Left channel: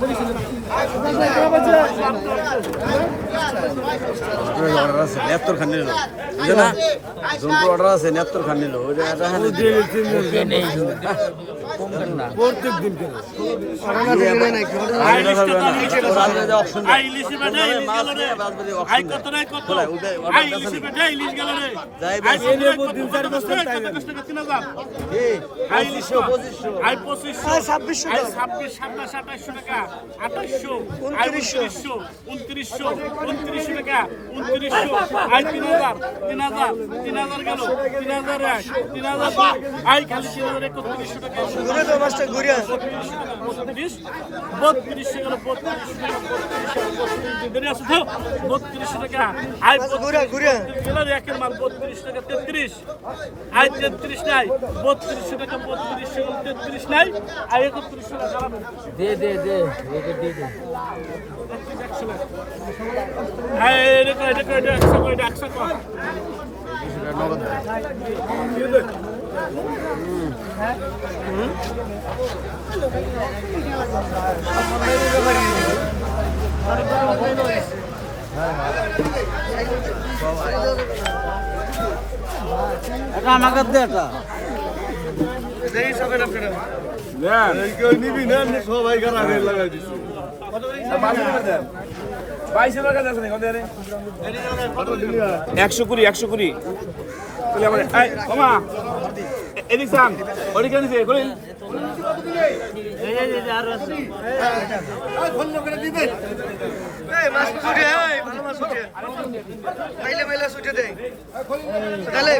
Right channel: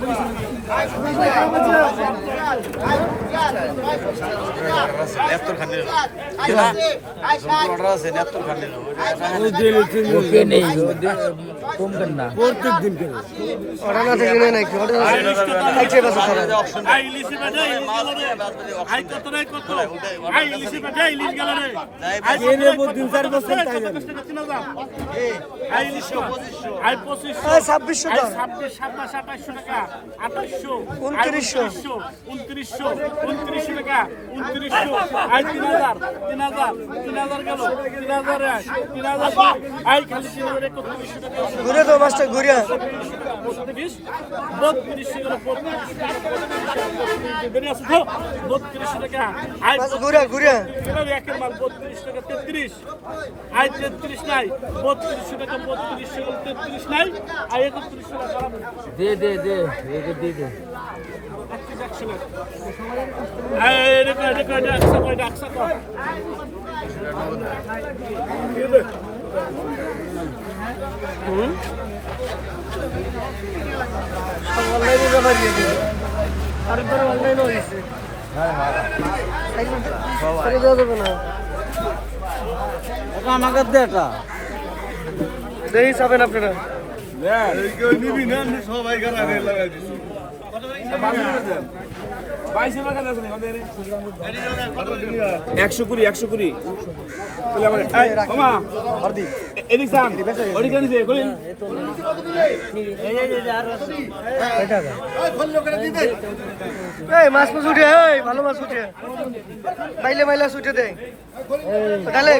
Obrigado. ছাব্বিশশো ছাব্বিশ সাতাশ টাকা। আঠাশশো। উনত্রিশশো উনত্রিশশো। উনত্রিশশো টাকা উনত্রিশশো আই তিন হাজার তিন হাজার তিন হাজার গেল তিন হাজার এক তিন হাজার দুই আই খালি তিন হাজার একত্রিশশো টাকা ঘুরে তো মাস্টার ঘুরে। বত্রিশ বত্রিশ গেল বত্রিশ টাকা বত্রিশ টাকা বত্রিশ দেরি আছে তো? বত্রিশ টাকা আই ঘুরে ঘুরে। গেল একের মাল বত্রিশ টাকা তেত্রিশ। আই তেত্রিশ নাই বত্রিশ টাকা বত্রিশ টাকা তেত্রিশ নাই আই একত্রিশ টাকা দে দে দে। দে এটা। এটা অনলাইনে হয়েছে তাহলে দেওয়া যাবে না এটা আমাকে দে এটা দেরি চাবেন আপনারা একশো কুড়ি একশো কুড়ি বলে আমার এই মামা এদিক সান ওদিক দিছে বলি এই মাছ মাছ উঠে এই ভালো মাছ উঠে মাইলে মাইলা উঠে দে তাহলে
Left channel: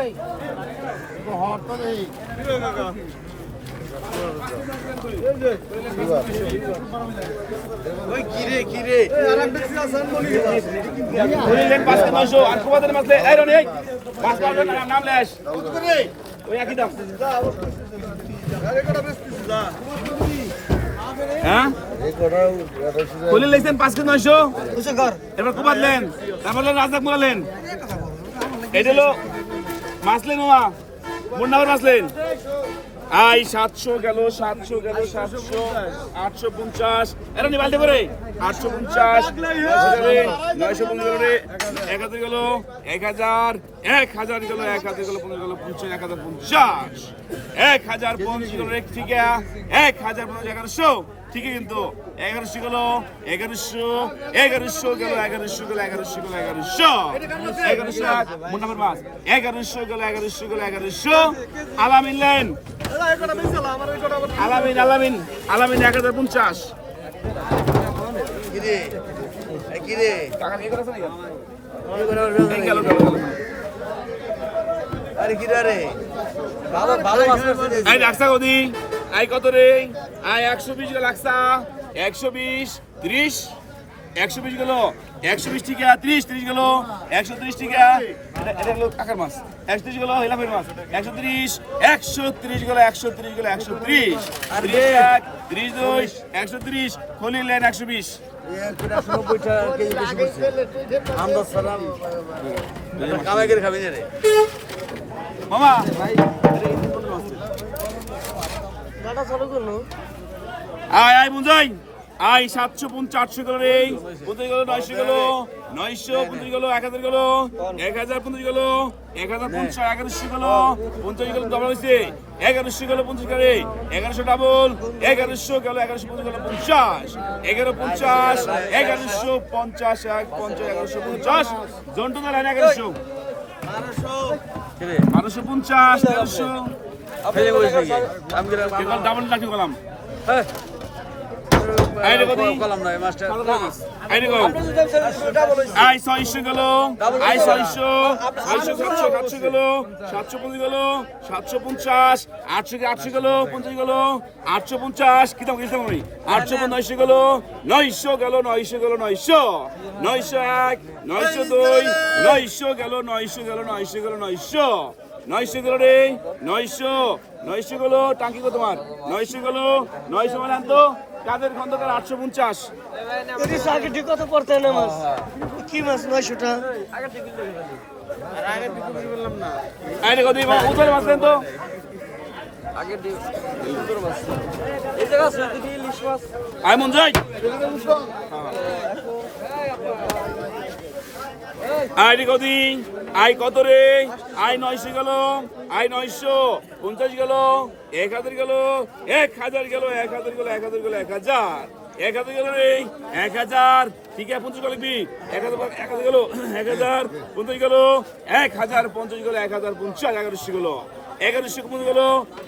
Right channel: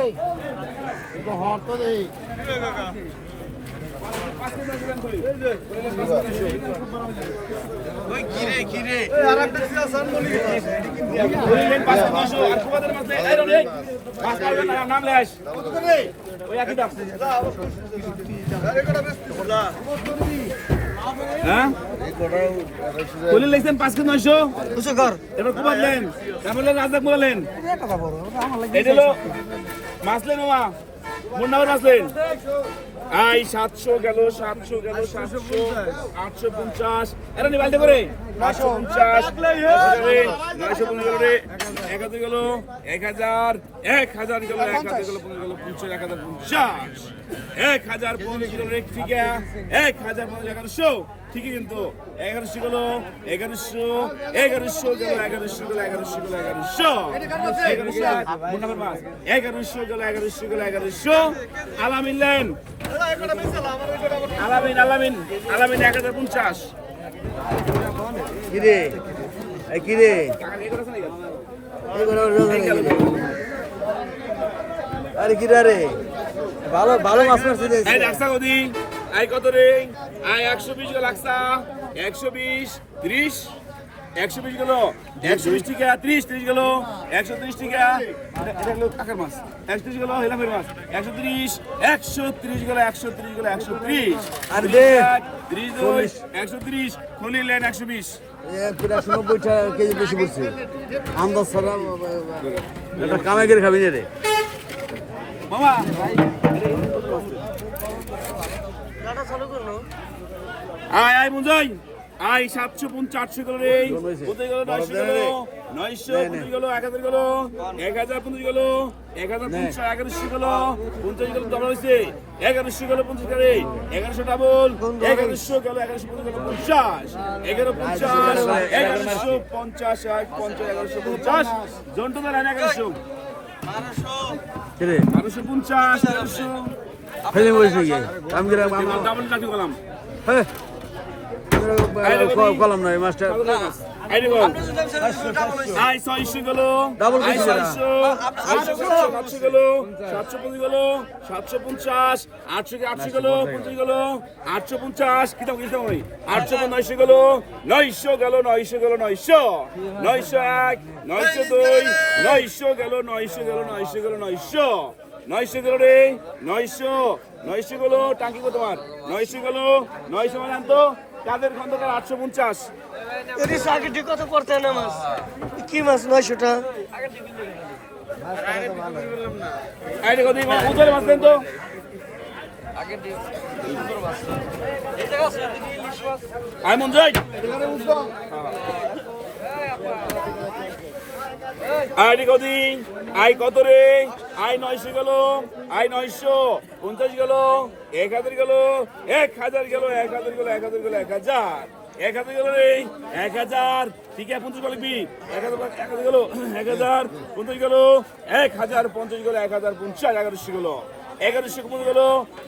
হ্যাঁ কলি লেগছেন পাঁচ কেজি নয়শো। এবার কুবাদলেন তারপর রাজদাক মোলালেন এটা হলো মাসলেন মামা মোর নামের মাসলেন। আই, সাতশো গেল সাতশো গেল, সাতশো, আটশো পঞ্চাশ। এটা নিবালতে করে আটশো পঞ্চাশ, নয়শো পনেরো রে। এক হাজার গেল, এক হাজার এক হাজার গেল, এক হাজার গেল পঞ্চাশ গেল পঞ্চাশ এক হাজার পঞ্চাশ। এক হাজার পঞ্চাশ গেল রে, ঠিক এক হাজার পঞ্চাশ, এগারোশো। ঠিকই কিন্তু এগারোশো গেল এগারোশো এগারোশো গেল এগারোশো গেল এগারোশো গেল এগারোশো। এগারোশো মোট নাম্বার মাস এগারোশো গেল এগারোশো গেল এগারোশো। আলামিন লেন। আলামিন আলামিন আলামিন এক হাজার পঞ্চাশ। কিরে? এই টাকা নিয়ে করেছে? এই। আরে কিরে রে ভালো ভালো মাছ মারছিস। রাখসা কদি আই কত রে? আই একশো বিশ গেল রাখসা একশো বিশ ত্রিশ। একশো বিশ গেল। একশো বিশ টিকা ত্রিশ ত্রিশ গেল। একশো ত্রিশ টিকা কাকার মাছ। একশো ত্রিশ গেল হেলাফের মাছ। একশো ত্রিশ একশো ত্রিশ গেল একশো ত্রিশ গেল একশো ত্রিশ। ত্রিশ দুই একশো ত্রিশ খলি লেন একশো বিশ। মামা আয় আয় বুঝাই আয় সাতশো পঞ্চাশ আটশো গেল রে। পঞ্চাশ গেল নয়শো গেল। নয়শো পঞ্চাশ গেল এক হাজার গেল। এক হাজার পঞ্চাশ গেল। এক হাজার পঞ্চাশ এগারোশো গেল। পঞ্চাশ গেল ডবল হয়েছে। এগারোশো গেল পঞ্চাশ গেলে এগারোশো ডাবল এগারোশো গেল এগারোশো পঞ্চাশ গেল পঞ্চাশ। এগারো পঞ্চাশ এগারোশো পঞ্চাশ এক পঞ্চাশ এগারোশো পঞ্চাশ। জন্টু ধরেন এগারোশো। বারোশো পঞ্চাশ এগারোশো। ফেলে বসে গিয়ে। আমি ডাবল হ্যাঁ। রে বাদি। কলাম নয় মাস্টার আই ছয়শো গেল। আই ছয়শো। ছয়শো সাতশো সাতশো গেল। সাতশো পঞ্চাশ গেল। সাতশো পঞ্চাশ। আটশো আটশো গেল? পঞ্চাশ গেল। আটশো পঞ্চাশ। কি দাম কি দাম ওই? আটশো নয়শো গেল। নয়শো গেল নয়শো গেল নয়শো। নয়শো এক নয়শো দুই নয়শো গেল নয়শো গেল নয়শো গেল নয়শো। নয়শো গেল রে নয়শো নয়শো গেল টাঙ্কি কত তোমার নয়শো গেল নয়শো মানে আনতো কাদের খন্দকার আটশো পঞ্চাশ। পড়তে না মাছ। কি মাছ নয়শোটা? আরে কত উতরে মাছ দেন তো। আয় মন যাই রে কদিন আয় কত রে? আয় নয়শো গেল, আয় নয়শো পঞ্চাশ গেল, এক হাজার গেল, এক হাজার গেল, এক হাজার গেল, এক হাজার গেল, এক হাজার। এক হাজার গেল রে, এক হাজার। ঠিক আছে, পঞ্চাশ লিখবি। এক হাজার এক হাজার গেল, এক হাজার। পঞ্চাশ গেল, এক হাজার, পঞ্চাশ গেল, এক হাজার, পঞ্চাশ, এগারোশো গেল। এগারোশো পঞ্চাশ গেল?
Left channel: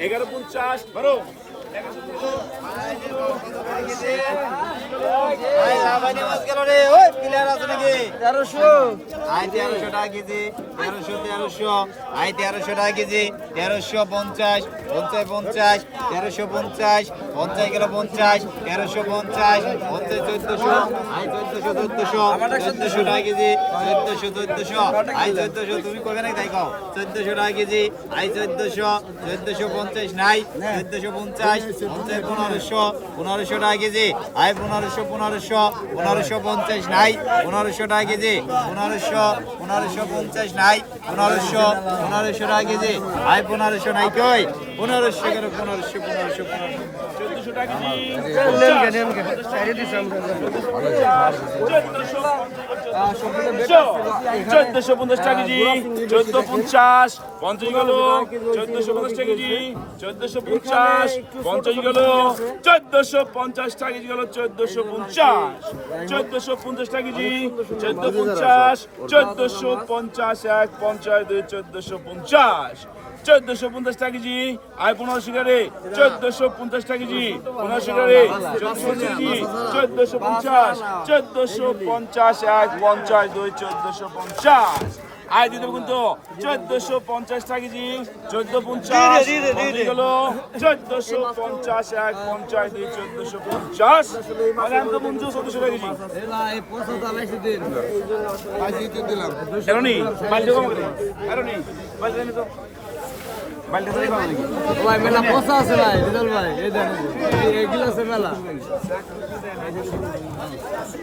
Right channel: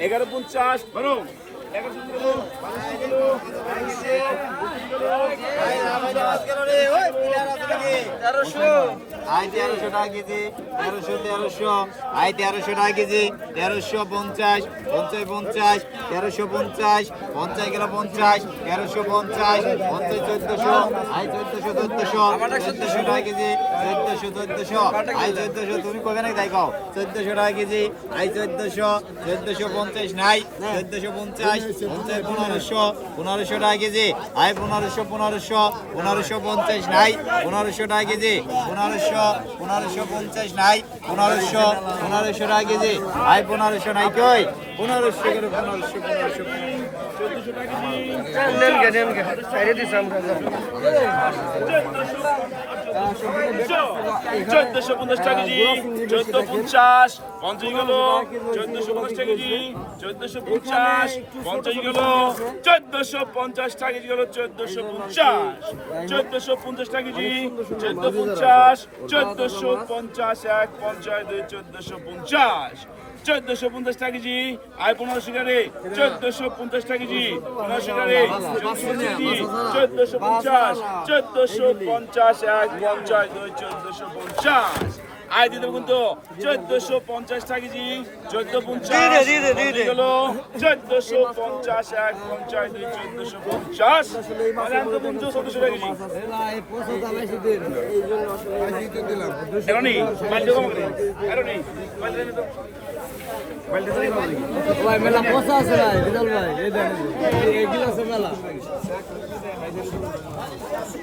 এগারো, পঞ্চাশ। বারো আই তেরোশো পঞ্চাশ পঞ্চাশ পঞ্চাশ তেরোশো পঞ্চাশ পঞ্চাশ গেল পঞ্চাশ তেরোশো পঞ্চাশ পঞ্চাশ চোদ্দশো আই চোদ্দশো চোদ্দশো চোদ্দশো টাকা কেজি চোদ্দশো চোদ্দশো আই চোদ্দশো তুমি কবে নাই কও চোদ্দশো টাকা কেজি আই চোদ্দশো চোদ্দশো পঞ্চাশ নাই চোদ্দশো পঞ্চাশ পঞ্চাশ পনেরোশো পনেরোশো টাকা কেজি। আয় পনেরোশো পনেরোশো পনেরোশো পঞ্চাশ নাই। পনেরোশো টাকা কেজি। পনেরোশো পনেরোশো পঞ্চাশ নাই। পনেরোশো পনেরোশো টাকা কেজি। আয় পনেরোশো নাই কই? পনেরোশো করে পনেরোশো পনেরোশো পনেরোশো। চোদ্দশো টাকা চোদ্দশো পঞ্চাশ টাকা কেজি চোদ্দ পঞ্চাশ পঞ্চাশ গেল চোদ্দশো পঞ্চাশ টাকা চোদ্দশো পঞ্চাশ পঞ্চাশ গেল চোদ্দশো পঞ্চাশ টাকা গেল চোদ্দশো পঞ্চাশ। চোদ্দশো পঞ্চাশ টাকা কেজি চোদ্দ পঞ্চাশ চোদ্দশো পঞ্চাশ এক পঞ্চাশ দুই চোদ্দশো পঞ্চাশ। চোদ্দশো পঞ্চাশ টাকা আয় পনেরোশো টাকা চোদ্দশো পঞ্চাশ টাকা কেজি পনেরোশো টাকা চোদ্দশো পঞ্চাশ চোদ্দশো পঞ্চাশ এক পঞ্চাশ দুই চোদ্দশো পঞ্চাশ আয় দিতে কিন্তু চোদ্দশো পঞ্চাশ টাকা কেজি চোদ্দ পঞ্চাশ। চোদ্দশো পঞ্চাশ এক পঞ্চাশ দুই চোদ্দশো পঞ্চাশ পঞ্চাশ ভাই মেলা পচা আছে ভাই রিজাল ভাই এই দেখেন এগুলো আছে মেলা।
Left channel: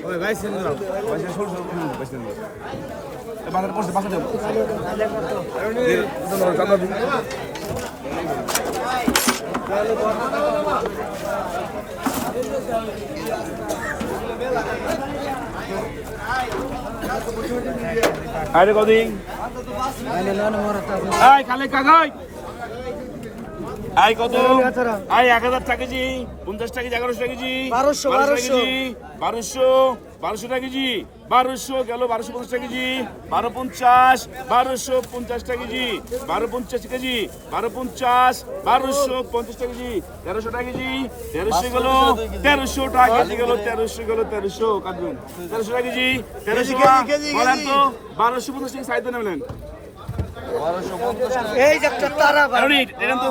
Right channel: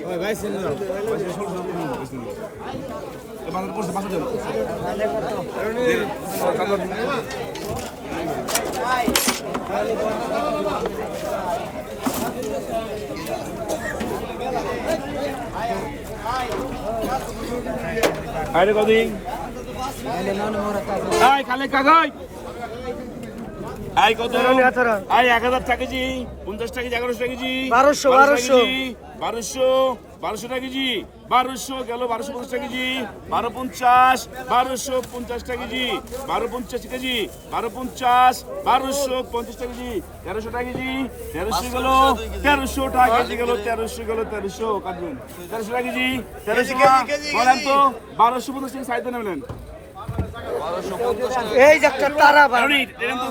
ওই ভাই শুনুন বাজার পড়ছে বাসা যাব আরে কদিন? আয় কালে কাগাই আয় কত। আয় এক হাজার টাকা কেজি পঞ্চাশ টাকা কেজি এগারোশো টাকা কেজি বারোশো, বারোশো। কেজি, বারোশো বারোশো টাকা কেজি বারোশো গেল বারোশো পঞ্চাশ টাকা কেজি বারো পঞ্চাশ বারোশো পঞ্চাশ টাকা কেজি বারো পঞ্চাশ কেজি বারো পঞ্চাশ বারোশো পঞ্চাশ টাকা কেজি তেরোশো টাকা কেজি তেরোশো গেল তেরোশো টাকা কেজি গেল তেরোশো গেল তেরোশো কাটবেন তেরোশো টাকা কেজি তেরোশো বলেন তো বারোশো পঞ্চাশ টাকা সাইড নেবেন এই যে তারা ভাই কারণ এরকম তো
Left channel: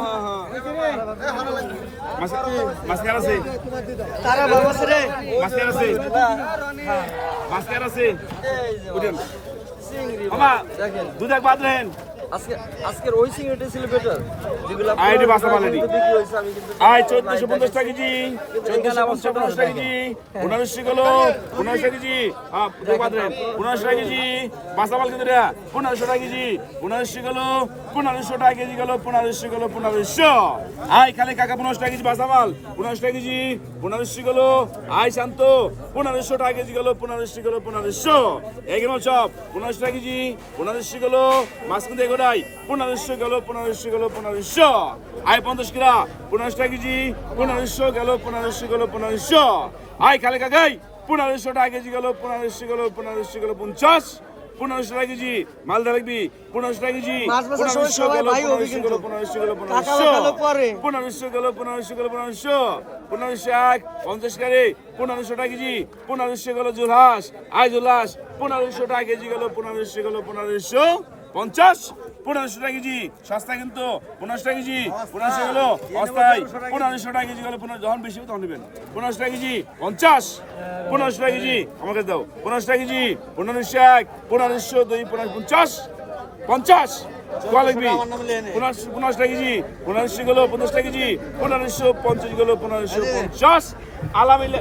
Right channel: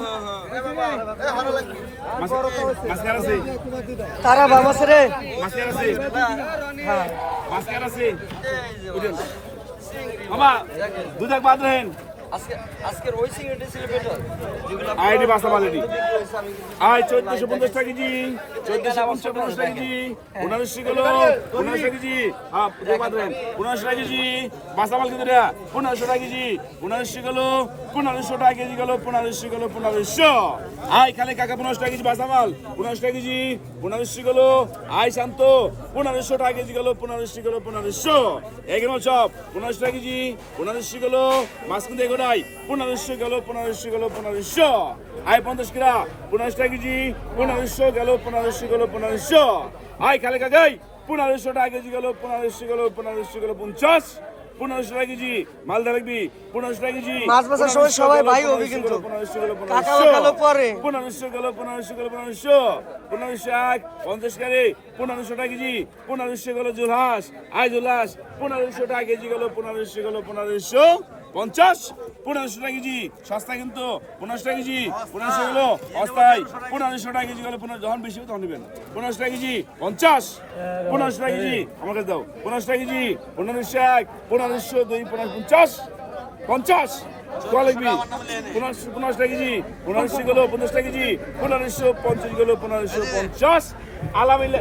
তারা বাবা রে হ্যাঁ। দুধ এক বাদ রেন আজকের ওই সিঙ্গেটা ছিল বেটার আইডি বাসা মালেডি চোদ্দশো পঞ্চাশ টাকা কেজি। চোদ্দশো পঞ্চাশ পঞ্চাশ টাকা কেজি। টাকা কেজি। হ্যাঁ রেন টাকা কেজি। বাসা মাল কিন্তু পনেরোশো টাকা কেজি। পনেরোশো গেলো পনেরোশো টাকা কেজি গেলো পনেরোশো গেলো পনেরোশো। আয় খালি কাকা পনেরোশো টাকা কেজি বাসা মাল। পনেরোশো টাকা কেজি। পনেরোশো গেলো আয় শান্ত। পনেরোশো টাকা কেজি গেলো পনেরোশো গেলো পনেরোশো। এগুলো সব। পনেরোশো টাকা কেজি। পনেরোশো গেলো। মাছ কিন্তু এগোটাই পনেরোশো গেলো পনেরোশো গেলো পনেরোশো আয় পঞ্চাশ কিরা পনেরোশো টাকা কেজি পনেরোশো গেলো পনেরোশো গেলো পনেরোশো আয় খালে কাকাই পনেরোশো টাকা কেজি গেলো পনেরোশো গেলো পনেরোশো গেলো পঞ্চাশ পনেরোশো টাকা কেজি মালদা লাগবি পনেরোশো টাকা কেজি মাছ বেচার সময় সবাই ভাই হবে পনেরোশো। গেলো পনেরোশো গেলো পনেরোশো গেল পনেরোশো গেল পনেরোশো পনেরোশো এক পঞ্চাশ কারে পনেরোশো টাকা কেজি পনেরোশো গেল জুলহাস আয় জুলহাস পনেরোশো টাকা কেজি গেল পনেরোশো গেল পনেরোশো পঞ্চাশ, পনেরোশো টাকা কেজি সস্তা কিন্তু পনেরোশো টাকা কেজি, পনেরোশো গেলো অস্থায় পনেরোশো টাকা কেজি গেলো পনেরো যখন বেশি তখন নেবেন। পনেরোশো টাকা কেজি পঞ্চাশ, পনেরোশো টাকা কেজি আমাকে দাও। পনেরোশো টাকা কেজি পনেরোশো এক, পনেরোশো দুই পনেরো পঞ্চাশ পঞ্চাশ। পনেরোশো টাকা কেজি গেলো পঞ্চাশ টাকা কেজি, পনেরোশো পঞ্চাশ গেলো পনেরোশো পঞ্চাশ। আলা মিলে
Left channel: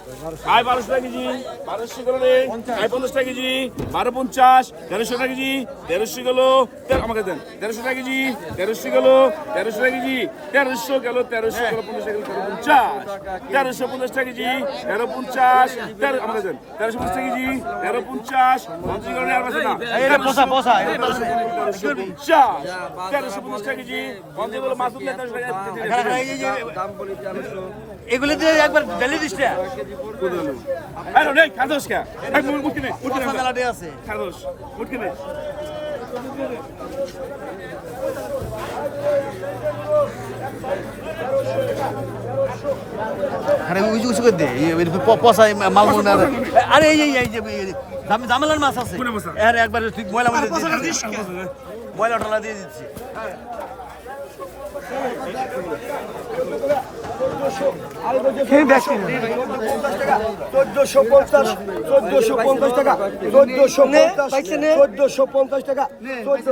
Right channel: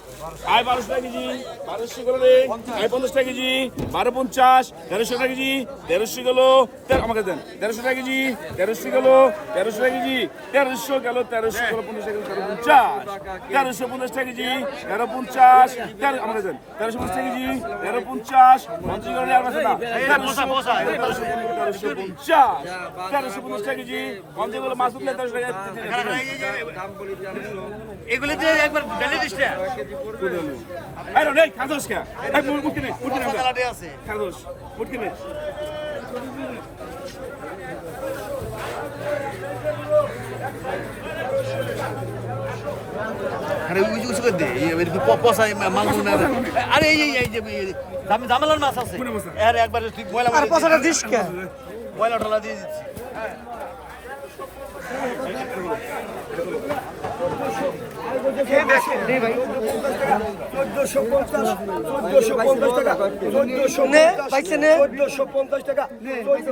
আয় বারোশো টাকা কেজি, বারোশো গেল রে আয় পঞ্চাশ টাকা কেজি, বারো পঞ্চাশ তেরোশো টাকা কেজি তেরোশো গেল আমাকে দেন তেরোশো টাকা কেজি তেরোশো গেল তেরোশো টাকা কেজি তেরোশো গেল তেরোশো গেল, পঞ্চাশ টাকা তেরো পঞ্চাশ তেরোশো পঞ্চাশ টাকা কেজি, তেরো পঞ্চাশ, তেরো, আমাকে দেন, তেরোশো পঞ্চাশ টাকা কেজি, তেরো পঞ্চাশ পঞ্চাশ গেল আর বাসা না, তেরোশো তেরোশো পঞ্চাশ তেরোশো পঞ্চাশ টাকা কেজি, পঞ্চাশ গেল, মাছ তেরোশো টাকা এগুলো দিয়ে একবার ডেলি কুদরলো আরে রে খাদোস কা এই মুট মুটকে নে মুটকে নে খাদোস মুটকে নে আরে ওই যে করে দে এই- মাল মনে হয়। আরে এই এই এই জাম- জামেলার মাছ আছে কোনে বসা? আরে একবার তুই বয়লা আর পছাটা দিস কে বয়লা ঢালা দিয়ে দিচ্ছি চোদ্দশো পঞ্চাশ চোদ্দশো পঞ্চাশ টাকা চোদ্দশো? চোদ্দশো পঞ্চাশ টাকা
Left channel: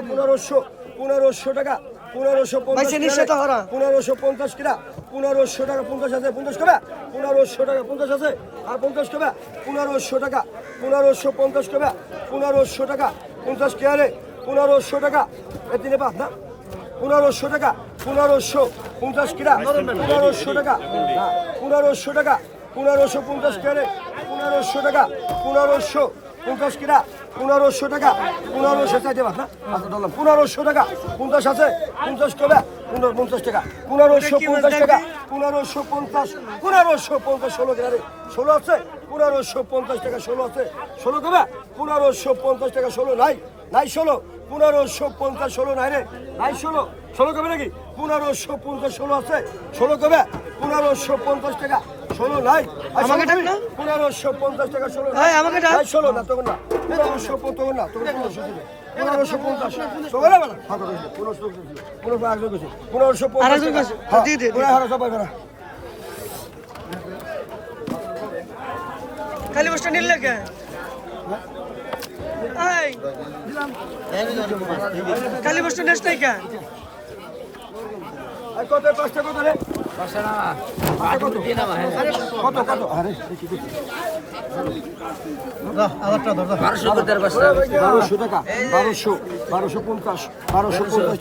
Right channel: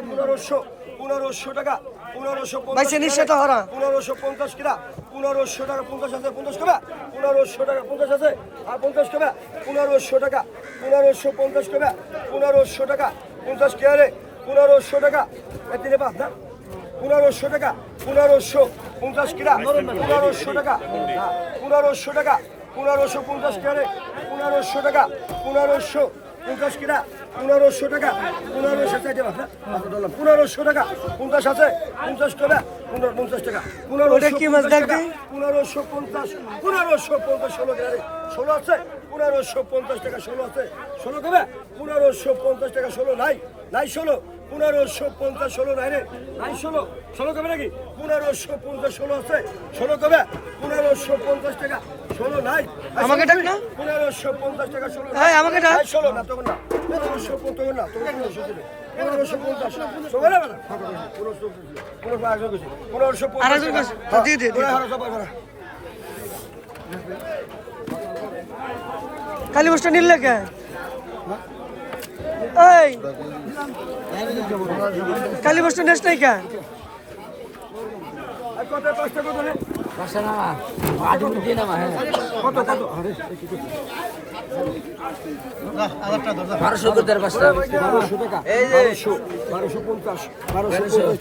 পনেরোশো পনেরোশো টাকা পনেরোশো পনেরোশো পঞ্চাশ কিনা পনেরোশো টাকা পঞ্চাশ আছে পঞ্চাশ কবে পনেরোশো টাকা পঞ্চাশ আছে পঞ্চাশ কবে পনেরোশো টাকা পনেরোশো পঞ্চাশ কবে পনেরোশো টাকা পঞ্চাশ কে পনেরোশো টাকা তিনে পাঁচ পনেরোশো টাকা পনেরোশো পঞ্চাশ কিনা পনেরোশো টাকা। পনেরোশো টাকা পনেরোশো পঞ্চাশ করে পনেরোশো টাকা পনেরোশো পঞ্চাশ কিনা পনেরোশো টাকা পনেরোশো চাইতে ধরলাম পনেরোশো টাকা পঞ্চাশ আছে পঞ্চাশ করে পনেরো পঞ্চাশ টাকা। পনেরোশো টাকা পনেরোশো পঞ্চাশ পনেরোশো পঞ্চাশ ষোলো কিনা রে ষোলো আছে পনেরোশো পঞ্চাশ টাকা ষোলো আছে। ষোলো দেবে পনেরোশো পঞ্চাশ টাকা ষোলো নাই নাই ষোলো। পনেরোশো পঞ্চাশ ষোলো নাই রে নাই ষোলো ষোলো কবে নাকি পনেরোশো পঞ্চাশ ষোলো আছে ষোলো কবে পনেরোশো পঞ্চাশ টাকা ষোলো নাই আমাকে ডাক না? পনেরোশো পঞ্চাশ টাকা ষোলো এই, আমাকে ডাক। ষোলো না তখন না পনেরোশো পঞ্চাশ না তখন পনেরোশো দিবে। পনেরোশো পঞ্চাশ তখন। পনেরোশো। পনেরোশো পঞ্চাশ। হ্যাঁ, হ্যাঁ। খালি বসটা নিলে কে এই। খালি বসটা নেস নাই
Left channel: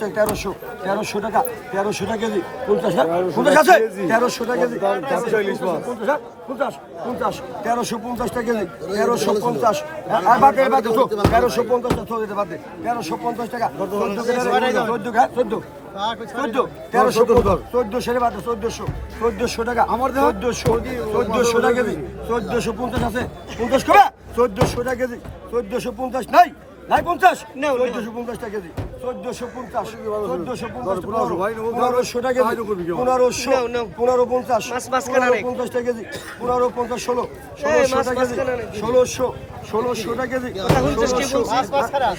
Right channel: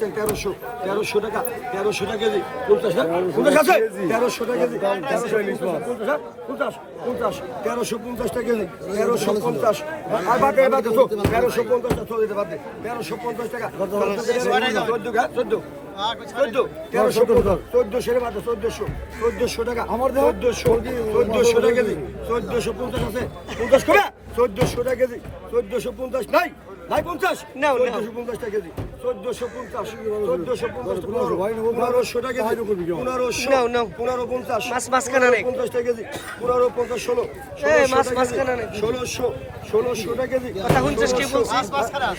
তেরোশো তেরোশো টাকা তেরোশো টাকা কেজি পঞ্চাশ তেরোশো টাকা কেজি পঞ্চাশ হ্যাঁ? পঞ্চাশ তেরোশো পঞ্চাশ তেরোশো পঞ্চাশ আর দে, চল। তেরোশো পঞ্চাশ টাকা তেরোশো পঞ্চাশ টাকা হ্যাঁ চোদ্দ চোদ্দ তেরোশো চোদ্দশো রে বাদ চোদ্দশো চোদ্দশো টাকা। আমার চোদ্দশো চোদ্দশো টাকা কেজি। চোদ্দশো পঞ্চাশ আছে। পঞ্চাশ কবে চোদ্দশো টাকা কেজি। চোদ্দশো পঞ্চাশ নাই? নাই পঞ্চাশ? নাও, নাও। চোদ্দশো পঞ্চাশ টাকা কেজি। চোদ্দশো পঞ্চাশ চোদ্দশো পঞ্চাশ পনেরোশো টাকা কেজি। পনেরোশো নাও, নাও। পনেরো পঞ্চাশ মাছ মাঝখানে নেই। পঞ্চাশ টাকা কেজি। পনেরো পঞ্চাশ ষোলো। মাছ ষোলোশো নেই। ষোলোশো ষোলোশো টাকা কেজি।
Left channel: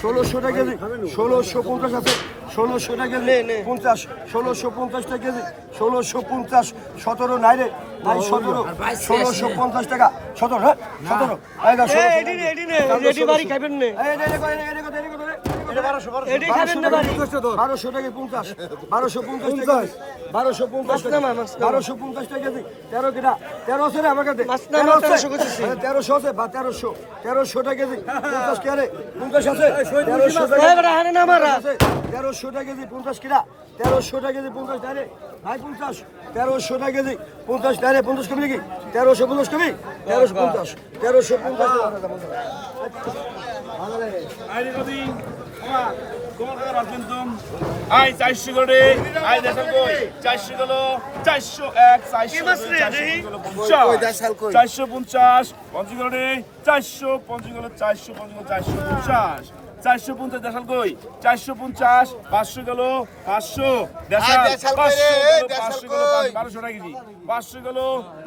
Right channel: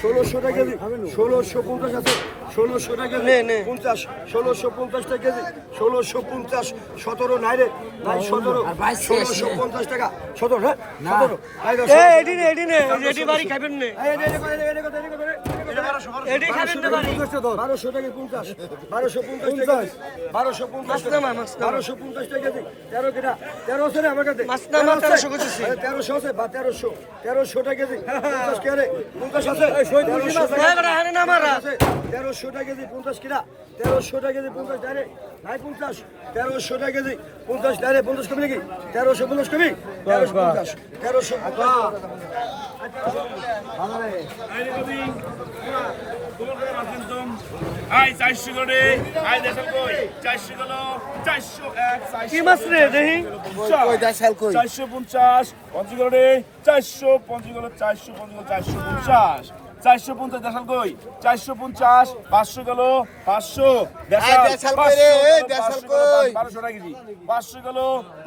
ষোলোশো টাকা কেজি। ষোলোশো পঞ্চাশ আছে। ষোলোশো টাকা নে, নে। পঞ্চাশ ষোলোশো পঞ্চাশ টাকা ষোলোশো পঞ্চাশ সতেরো নাই রে নাই সতেরো ষোলোশো পঞ্চাশ টাকা সতেরো হ্যাঁ সতেরো বারোশো টাকা পঞ্চাশ বারোশো পঞ্চাশ বারোশো পঞ্চাশ বারোশো পঞ্চাশ টাকা কেজি তেরো কিনা তেরো আছে রে আমার কাছে। তেরোশো আছে বা তেরোশো তেরোশো টাকা পঞ্চাশ কে রে পঞ্চাশ আছে তেরোশো টাকা কেজি পঞ্চাশ কিনা তেরোশো টাকা কেজি পঞ্চাশ ডাইরে ভাই পঞ্চাশ তেরোশো টাকা কেজি পঞ্চাশ ডাইরে পঞ্চাশ কবি নাকি? তেরোশো পঞ্চাশ তেরোশো পঞ্চাশ তেরোশো চারশো করে। পঞ্চাশ। রে চারশো পঞ্চাশ গেল চারশো পঞ্চাশ চারশো পঞ্চাশ। চারশো পঞ্চাশ দেশাল কই? চারশো পঞ্চাশ পাঁচশো গেল পাঁচশো। দেশাল পাঁচশো পাঁচশো গেল বারোশো টাকা কেজি। পাঁচশো গেল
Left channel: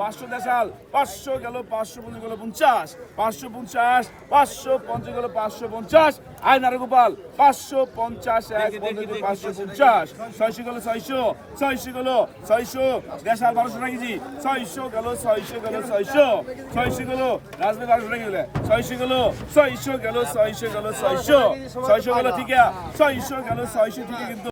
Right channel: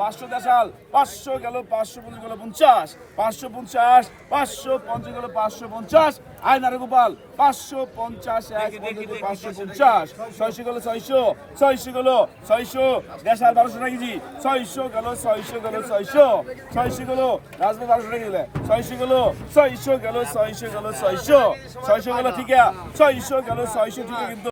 পাঁচশো দেশাল পাঁচশো গেল পাঁচশো পঞ্চাশ গেল পঞ্চাশ। পাঁচশো পঞ্চাশ পাঁচশো পঞ্চাশ গেল পাঁচশো পঞ্চাশ। আয় নারে গোপাল পাঁচশো পঞ্চাশ এক পাঁচশো পঞ্চাশ। ছয়শো গেল ছয়শো ছয়শো গেল ছয়শো। দেশাল বারোশো টাকা কেজি। ছয়শো গেল ছয়শো গেল ছয়শো। ছয়শো গেল রাজবাড়ি বারোশো টাকা গেলে ছয়শো গেল ছয়শো গেল ছয়শো গেল ছয়শো। ছয়শো গেল ঠিক ছয়শো গেল ছয়শো ঠিক কিন্তু